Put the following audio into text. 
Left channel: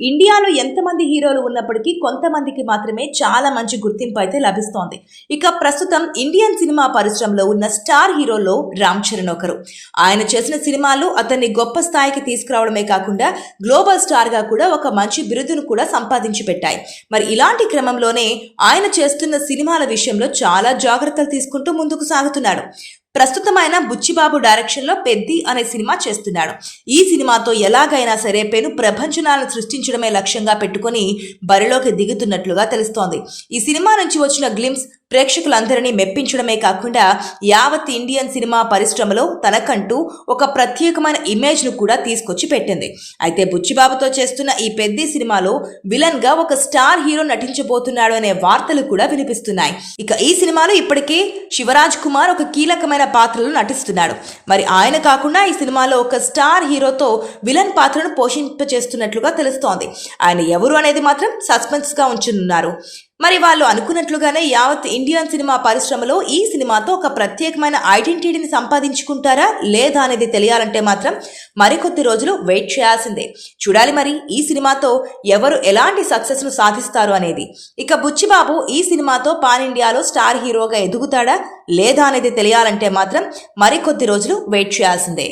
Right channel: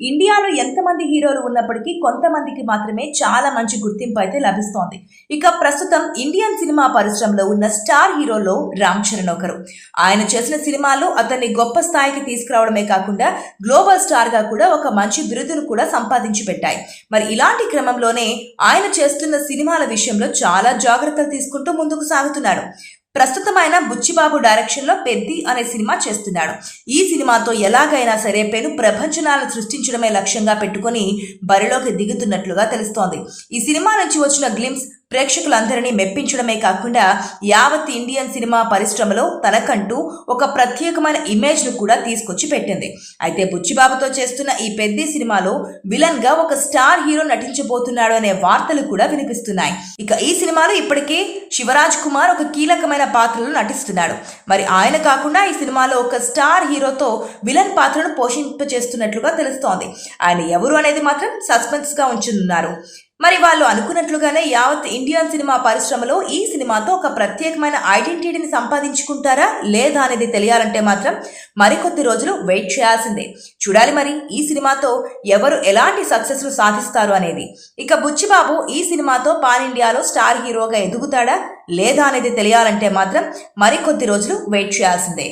ఇండియాలో ఎంతమంది హీరోలు ఉన్నప్పటికీ కొంతమందికి మాత్రమే చాలా మంచి గుర్తింపు అయితే లభిస్తోంది. ఇక ప్రస్తుతం ఇండియన్ సినిమా పరిశ్రమలో ఉన్న స్టార్ హీరోల్లో రామ్ చరణ్ ఒకరు. ఆయన చేసిన సినిమాలు అతన్ని గొప్ప స్థాయికి తీసుకురావడమే కాకుండా గ్లోబల్ స్టార్ గా కూడా ఒక మంచి బిరుదును కూడా సంపాదించి పెట్టాయి. మరి ఇలాంటి క్రమంలోనే ఆయన చేస్తున్న సినిమాల విషయంలో చాలా జాగ్రత్తలు తీసుకుంటూ ముందుకు సాగుతున్నాడు. ప్రస్తుతం ఆయన బుచ్చిబాబు డైరెక్షన్లో పెద్ది అనే సినిమా చేస్తున్నాడు. ఈ సినిమాతో ఎలాగైనా సరే పెను ప్రపంచనాలను సృష్టించడమే లక్ష్యంగా పెట్టుకుని బరిలోకి దిగుతున్నట్లుగా తెలుస్తోంది. ఈ సినిమా నుంచి వచ్చిన గ్లిమ్స్ ప్రేక్షకులందరినీ మెప్పించడమే కాకుండా యావత్ ఇండియన్ సినిమా పరిశ్రమలో తనకంటూ ఒక ప్రత్యేకమైన ఇమేజ్ను కూడా తీసుకొచ్చి పెట్టింది. అయితే బుచ్చిబాబుతో చేస్తున్న ఈ పెద్ది సినిమాలో విలన్ గా ఒక స్టార్ హీరో నటించబోతున్నాడు అనే వార్తలు కూడా వినిపిస్తున్నాయి. ఇక ఈ సినిమాలో ఇప్పటికే శివరాజ్ కుమార్ ఒక కీలకమైన పాత్రలో నటిస్తున్నాడు. మరి ఆయన కాకుండా ఈ సినిమాలో ఒక స్టార్ హీరోతో విలన్ పాత్రను పోషింపచేస్తున్నట్లుగా తెలుస్తోంది. ఆయన ఎవరు అనేది మాత్రం సస్పెన్స్ గా ఉంచనున్నారు. మరి వాళ్ళు అనుకున్నట్లుగానే యావత్ ఇండియన్ సినిమా పరిశ్రమలో ఈ సినిమాతో ఒక ప్రత్యేకమైన ఐడెంటిటీని సంపాదించుకుంటారా లేదా అనేది తెలియాలంటే మాత్రం మరికొద్ది రోజులు వెయిట్ చేయాల్సిందే. చూడాలి మరి ఈ సినిమాతో ఎవరు ఎలాంటి సక్సెస్ ను సాధిస్తారు అనేది. ఇక బుచ్చిబాబు ఈ సినిమాతో పాన్ ఇండియాలో స్టార్ హీరోగా ఎదుగుతాడా లేదా అనేది తెలియాలంటే మాత్రం మరికొద్ది రోజులు వెయిట్ చేయాల్సిందే.